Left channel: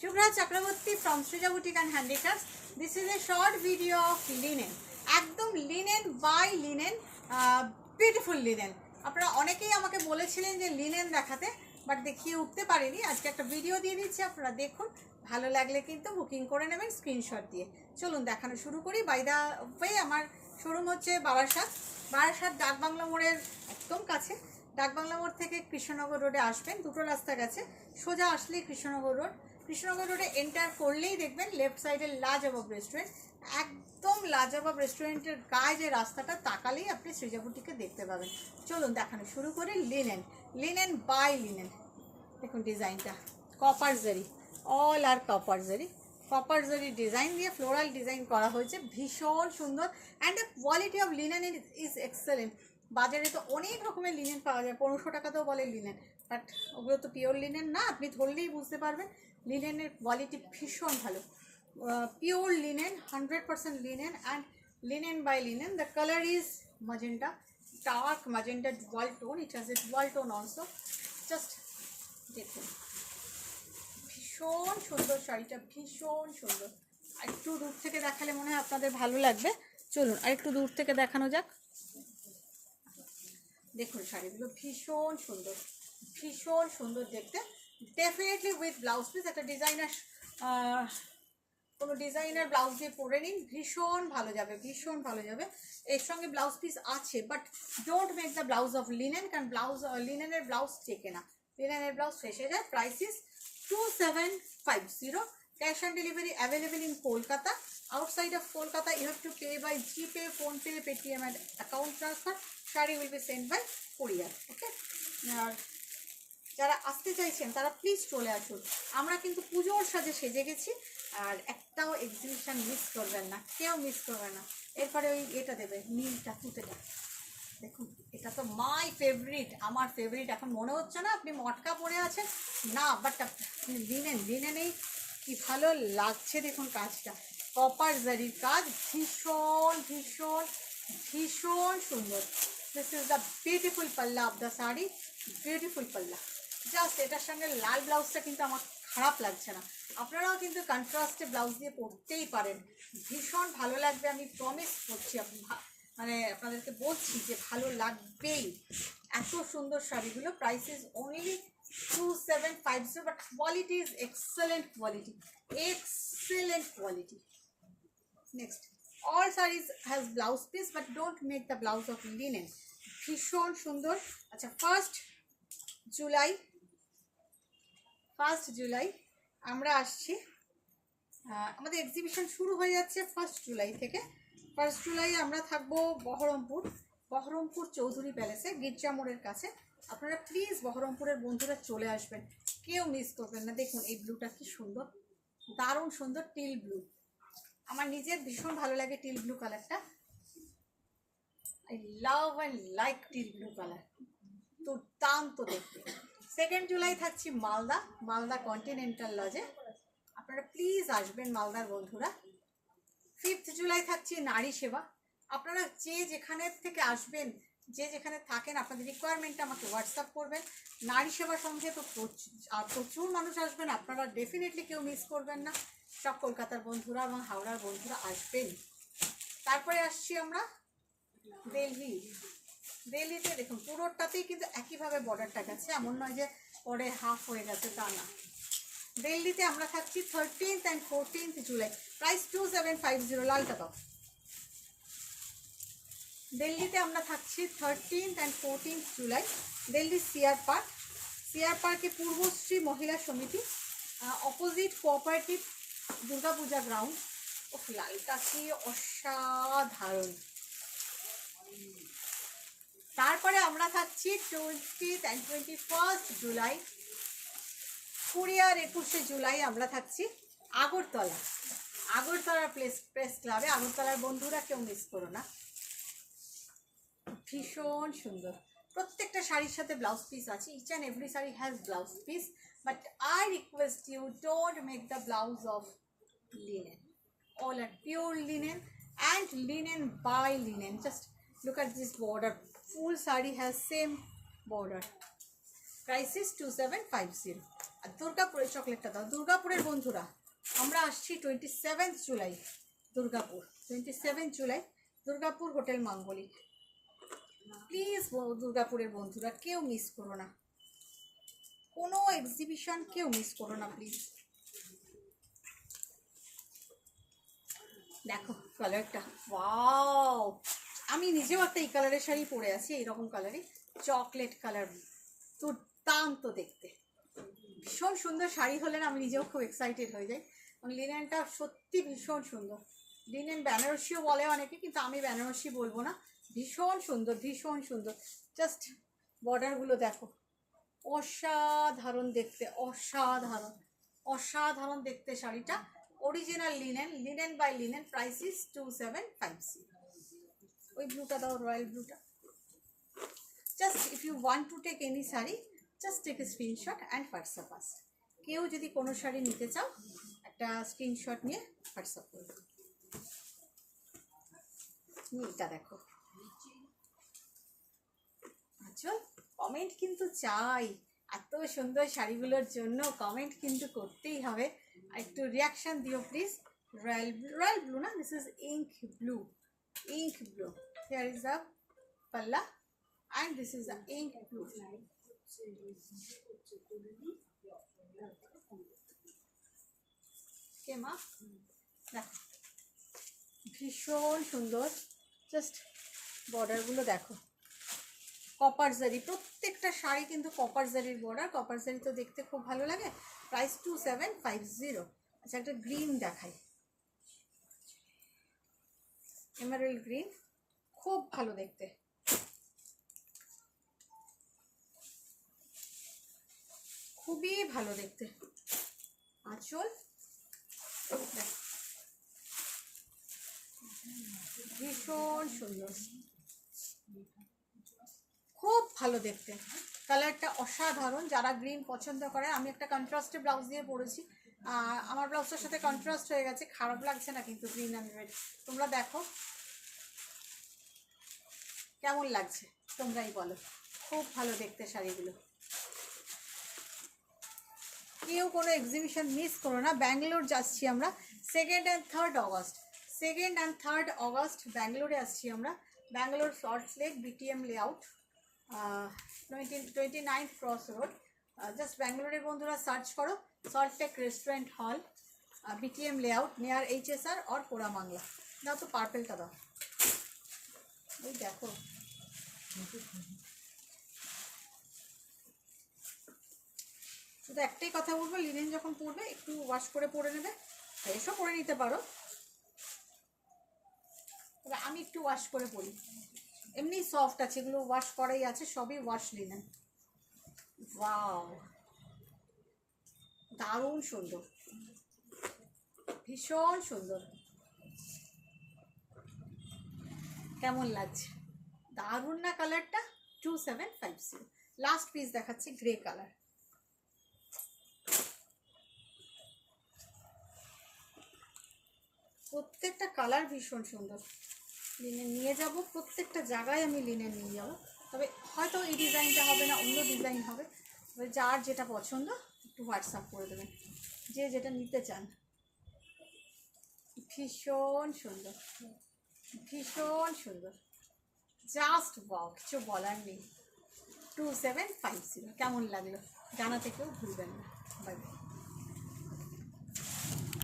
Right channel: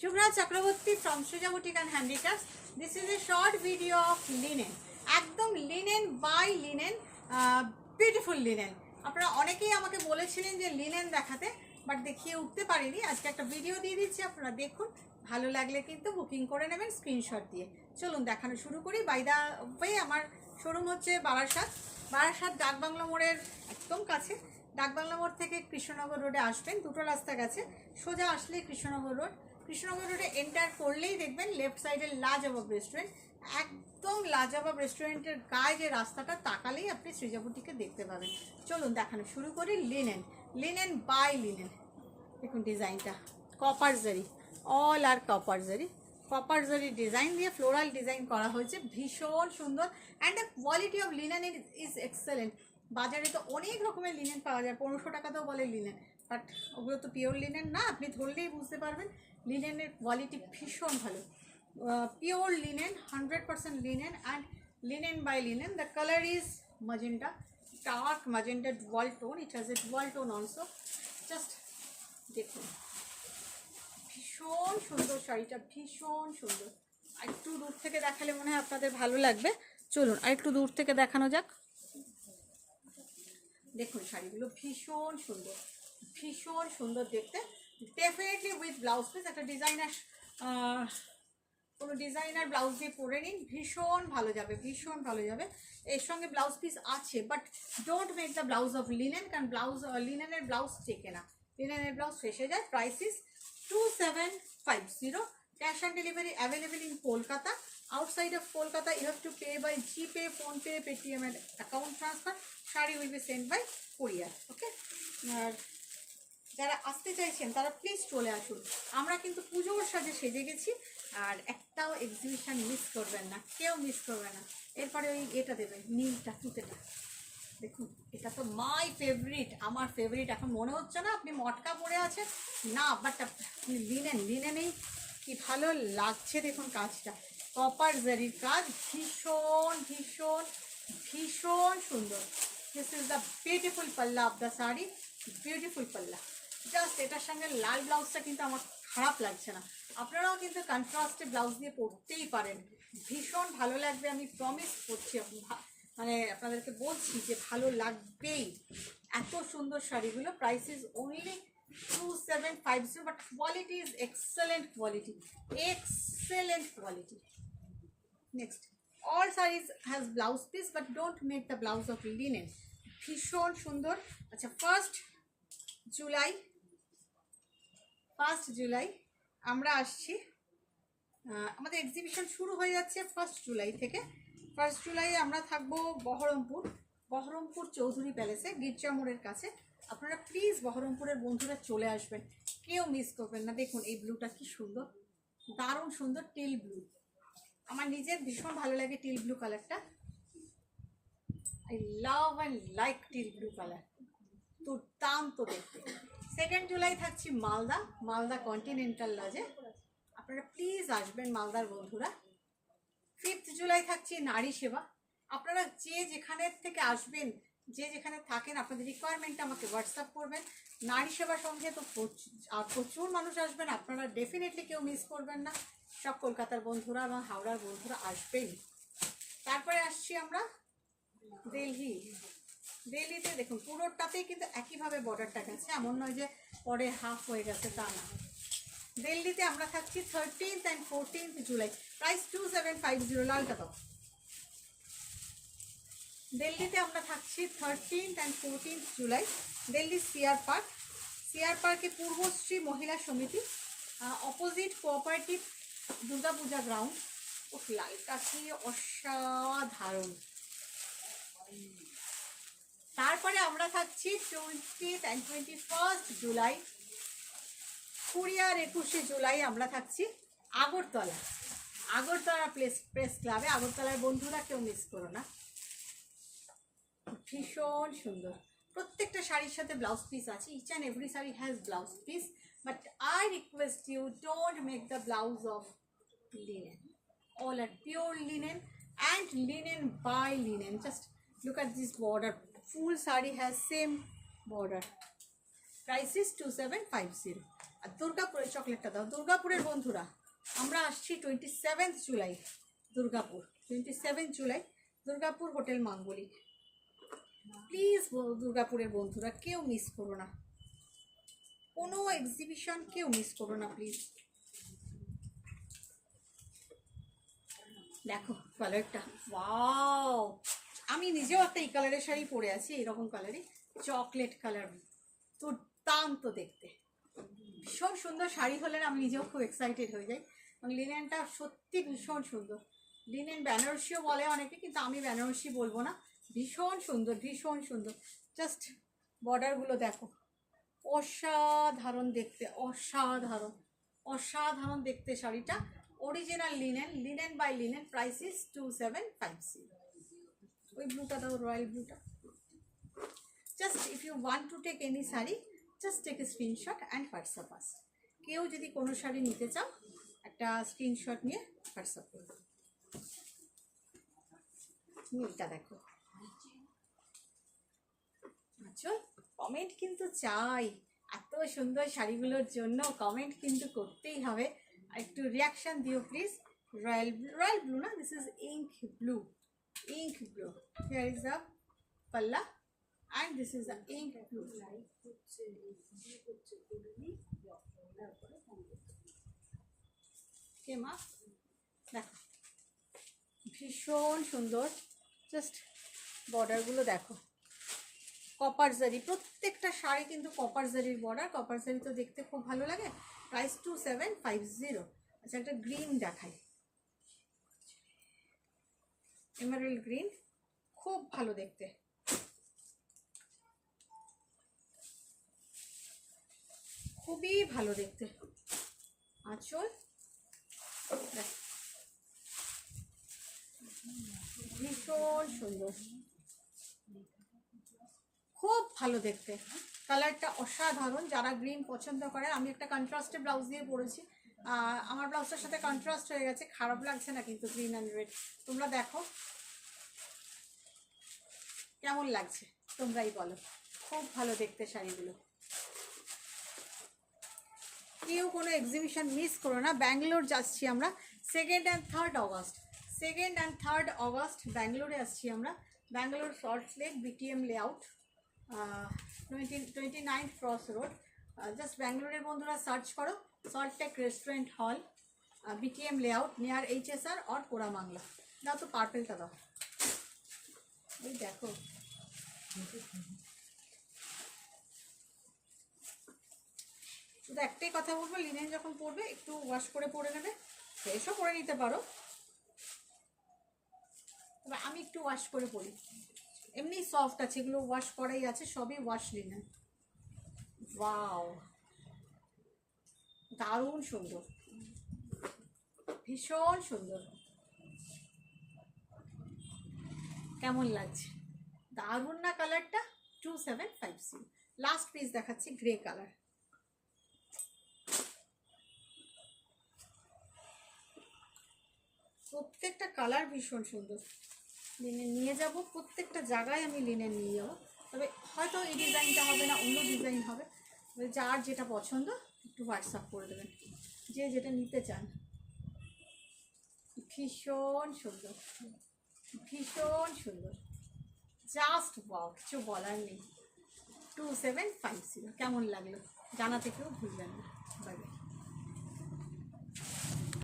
Shubhra Chakraborty from Srija Boutique and Handicrafts. This is a short video of linen. একদম linen by linen, beautiful linen. আপনারা অনেকেই আমাকে বলেছিলেন যে linen দেখাতে, বাট দেখিয়ে উঠতে পারিনি। আজকে একটা ভিডিও দিয়ে দিচ্ছি, আপনারা দেখুন। ভালো লাগলে কিন্তু বুকিং করে নেবেন স্ক্রিনশট দিয়ে। চলুন দেখানো শুরু করি। বাই দা ওয়ে, আমার শোরুম হচ্ছে বারাসাত ডাকবাংলা মোড়ের একদম কাছে। ডাকবাংলা মোড় থেকে কৃষ্ণনগর রোডে আসবেন, দুটো রাস্তা গেছে। সোজা আসলে কৃষ্ণনগর রোডে এন্টার করলেই দেখবেন লেফট সাইডে লাজবাব রেস্টুরেন্ট। একদম লাজবাব রেস্টুরেন্টের গায়ে যে রাস্তাটা, তাকালেই আপনি সৃজা বুটিকে দেখতে পাবেন। চলুন দেখানো শুরু করি। Linen by linen. দেখুন ডিজাইনটা copper zari, all are copper zari design দিয়ে ফ্লোরাল ডিজাইন করা হয়েছে, ভীষণ সুন্দর। And the quality of linen is excellent. বাজারে তো অনেক রকমের লিনেন পাওয়া যায়, 1500 টাকাতেও বলে লিনেন, বাট ওগুলো তো পিওর লিনেন না। আপনি ধরলেই বুঝতে পারবেন লিনেনের কোয়ালিটি ভীষণ ভালো। Pure linen, 100% linen, and linen by linen. The colour is magenta, dark magenta dual tone. It has a dual tone also. Just দেখুন, ভীষণ সুন্দর শাড়িটা, ভীষণ সুন্দর। আর একটু দূর থেকে দেখালে মনে হয় আপনাদের ভালো লাগবে। চলুন আর একটু দূর থেকে দেখানো যাক। দেখুন শাড়িগুলো ভীষণ সুন্দর দেখতে। ডেফিনেটলি উইথ ব্লাউজ পিস, একটা কোনো ডিজাইনার ব্লাউজ দিয়ে পরে নিন, ভীষণ ভালো যাবে। এর সঙ্গে ব্লাউজ পিস আছে, but don't make the blouse of linen, কারণ লিনেনের ব্লাউজ টেকে না, লিনেনের ব্লাউজ ফেসে যায়। Price is 2750। Cash on delivery available in Kolkata. Outside of Kolkata, you have to pay by GPay, PhonePe, Paytm and account transfer. Shari will be sent by courier. Okay? আর যারা আসতে চাইছেন তারা please চলে আসুন। আমরা কিন্তু পুজোর সাথে সেজে গেছি, আর একটাও এক্সিবিশন মিস করবেন না, কেউ মিস করবে না। এরপরে ওই এটা দেবে, নীলটা, তুতেটা। দেখুন এটা তো মাই ফেভারিট, আমার ফেভারিট। এখন মনে হচ্ছে না আপনি মটকা পরে আছেন, না, বাট লিনেনেই কি ভালো লাগছে। দেখুন কাজটা, কপার জারির কাজ, ভীষণ সুন্দর। দিস ইজ দ্য বিউটিফুল পাল্লা অফ দ্য শাড়ি, বিউটিফুল পাল্লা। জাস্ট এটার সঙ্গে লাল ব্লাউজটা কিন্তু আমার খারাপ লাগছে না। আপনারাও কিন্তু কন্ট্রাস্টে ব্লাউজ দিয়ে পরতেই পারেন, ভীষণ ভালো লাগবে। আমি প্রমিস করছি, মানে আপনাদেরকে বলছি যে ভালো লাগবেই। এত সুন্দর শাড়িগুলো। Price is only 2750, but quality is excellent quality. Next, all sarees has blouse piece, but don't make the blouse of linen. ভীষণ সুন্দর। আচ্ছা, ফার্স্ট জুলাই আমরা আসছি। আমাদের এক্সিবিশন শুরু হয়ে যাচ্ছে 1 জুলাই থেকে। 1 জুলাই আমরা থাকবো বহরমপুর চৌধুরী প্যালেসে, গির্জা মোড়ের কাছে। আপনারা প্লিজ বহরমপুরের বন্ধুরা চলে আসবেন, কেউ মিস করবেন না। দেখুন এই ব্লুটা কি সুন্দর, দারুণ সুন্দর, টিল ব্লু। আমার নিজের ভীষণ ভালো লাগে টিল ব্লু কালারটা। I love and like teal blue colour, দুর্দান্ত দেখতে। 2 জুলাই থাকছি মালদা কন্টিনেন্টাল লজে। আপনারা প্লিজ আসবেন মালদার বন্ধুরা। 5 জুলাই থাকছি নারী সেবা। আপনারা যে যেখানে থেকে আসবেন, যে যেখানে থাকেন, আপনাদের রিকোয়ারমেন্টটা আমাকে হোয়াটসঅ্যাপ করবেন। নারী সেবার সঙ্গে তো প্রচুর মানুষ আসবেন, আপনারা ডেফিনেটলি কেউ মিস করবেন না। সব কলকাতার বন্ধুরা এবং হাওড়ার বন্ধুরা আসবেন। তারপরে আসছি আমরা দিল্লিতে। দেখুন পুরোটাতেই কিন্তু একইভাবে বর্ডারটা গেছে, এমন নয় যে পরে হাফ হয়ে গেছে, তা না। দিল্লিতে আমরা থাকছি 13th and 14th July. Price 2750, লালটা দাও। দিল্লিতে আমরা থাকছি 13th and 14th July. Delhi CR পার্কে পূর্বশ্রী মহিলা সমিতি, অপোজিট কোঅপারেটিভ দুর্গাপূজা গ্রাউন্ড। ও লালটা কি অসাধারণ। তারপরে আমরা থাকছি 20th and 21st জুলাই। 20 আর 21 জুলাই আমরা থাকছি আগরতলা প্রেস ক্লাবে। আগরতলার বন্ধুরা কেউ মিস করো না, ভীষণ সুন্দর। প্রত্যেকটা শাড়ির সাথে ব্লাউজ পিস আছে, each and every sari has blouse piece, but I request you don't make the blouse of linen. All are pure linen and linen by linen. Just look at this border, full saree has same border. Price is 2750. আর দুর্গাপুরের চকলেটটা দাও। দুর্গাপুরের বন্ধুরা আমরা আসছি 27 July, Durgapur 27 July, Durgapur hotel মাঙ্গলিক। Please দুর্গাপুরের বন্ধুরা কেউ মিস করো না, কোনো এক্সিবিশন কেউ মিস করো না প্লিজ। দেখো কালারটা, ওয়াও! আমি নিজেও একটা এই কালারের শাড়ি পরে আছি, এইরকম কালারই, চকলেট কালার, দুর্দান্ত দেখতে, ভীষণ সুন্দর শাড়ি হলে না আমি নিজেও খুব এক্সাইটেড হয়ে যাই। এবং লিনেনটা সত্যি ভীষণ সুন্দর। লিনেন বেনারসিও বলে অনেকে, কিন্তু আমি বেনারসি বলবো না, ভীষণ সুন্দর, ভীষণ সুন্দর। জাস্ট বর্ডারগুলো দেখো, অসাধারণ দেখতে, অসাধারণ, অসাধারণ দেখতে শাড়িটা। Original linen, linen by linen, price is 2750। ওই ব্লুটা দাও, রয়্যাল ব্লুটা। Just if you want to take any sari, just take a screenshot and WhatsApp us. কেউ যদি কোনো শাড়ি নিতে চাও একটা স্ক্রিনশট নিয়ে হোয়াটসঅ্যাপ করবে। নীলটা দেখো, আচ্ছা কমেন্ট কিন্তু চাই, এত সুন্দর শাড়িগুলোর জন্য কমেন্ট কিন্তু করতেই হবে। একটু রিয়াকশান দিও প্লিজ। রয়্যাল ব্লু না, this is ink blue, ink blue. Here is the পাল্লা and this is the ink blue. Okay ma, দেখো ভীষণ সুন্দর। জাস্ট বর্ডারগুলো দেখো, কপার জারি, প্রত্যেকটা শাড়ি কিন্তু কপার জারির বর্ডার। কপার জারি তো দেখতে খুব ভালো লাগে। প্রাইস 2750। আচ্ছা একটা গ্রিন দেখাই, এমারেল্ড গ্রিন, খুব ভালো দেখতে, খুবই ভালো দেখতে। আঁচল ভীষণ সুন্দর, খুব ভালো দেখতে, কালারটা অসাধারণ। যারা গ্রিন পছন্দ করে, আমি একটা কন্ট্রাস্টে ব্লাউজ দিয়ে পরেছি, আমার ব্লাউজটার সাথে কন্ট্রাস্ট হয়ে গেছে, খারাপ লাগছে না কিন্তু গ্রিন অ্যান্ড রেড। তোমরা দেখো কেমন লাগছে, তোমরাই বলো। খুব ভালো দেখতে শাড়িগুলো। কেউ কোনো এক্সিবিশন মিস করো না। ব্যাঙ্গালোর যাচ্ছি আমরা 2nd and 3rd August, 2nd and 3rd August ব্যাঙ্গালোরে আসছি আমরা। Bangalore salt lake BTM layout, 29 cross road. Just ব্যাঙ্গালোরের বন্ধুরা সার্চ করো সল্ট লেক রেস্টুরেন্ট হল, BTM লেআউট নিয়ার HSR और কোরামাংলা। দাও তো পার্পেলটা দাও। এই দেখো শুধু একটাই কথা বলবো, লিনেন যখন পরবে একটু ওয়াশ করে পরে নেবে, ফ্রেশও করে নিতে পারো, তবে আমি একটু ওয়াশ করে পরি। এমনি সফট আছে, এগুলো ওয়াশ করাই আছে, সবই ওয়াশ লিনেন। ওয়াও, দারুণ সুন্দর, ভীষণ সুন্দর। কেমন লাগছে, দারুণ না কালারটা? 2750। লাস্ট পিস দেখাচ্ছি, গ্রে কালার। প্রত্যেকটা কালার ভীষণ সুন্দর। লিনেন নিয়ে যাব, প্রত্যেকটা জায়গায় আমি লিনেন নিয়ে যাব, তবে হয়তো এই ডিজাইনটা হবে না, অন্য ডিজাইন হবে। তবে যার যেটা পছন্দ একটু হোয়াটসঅ্যাপ করে দেবেন, যে যেটা নিতে চান। ভীষণ সুন্দর, ভীষণ সুন্দর, জাস্ট ওয়াও, কিছু বলার নেই। 2750। কেমন লাগলো জানাতে কেউ ভুলবেন না। Bye bye.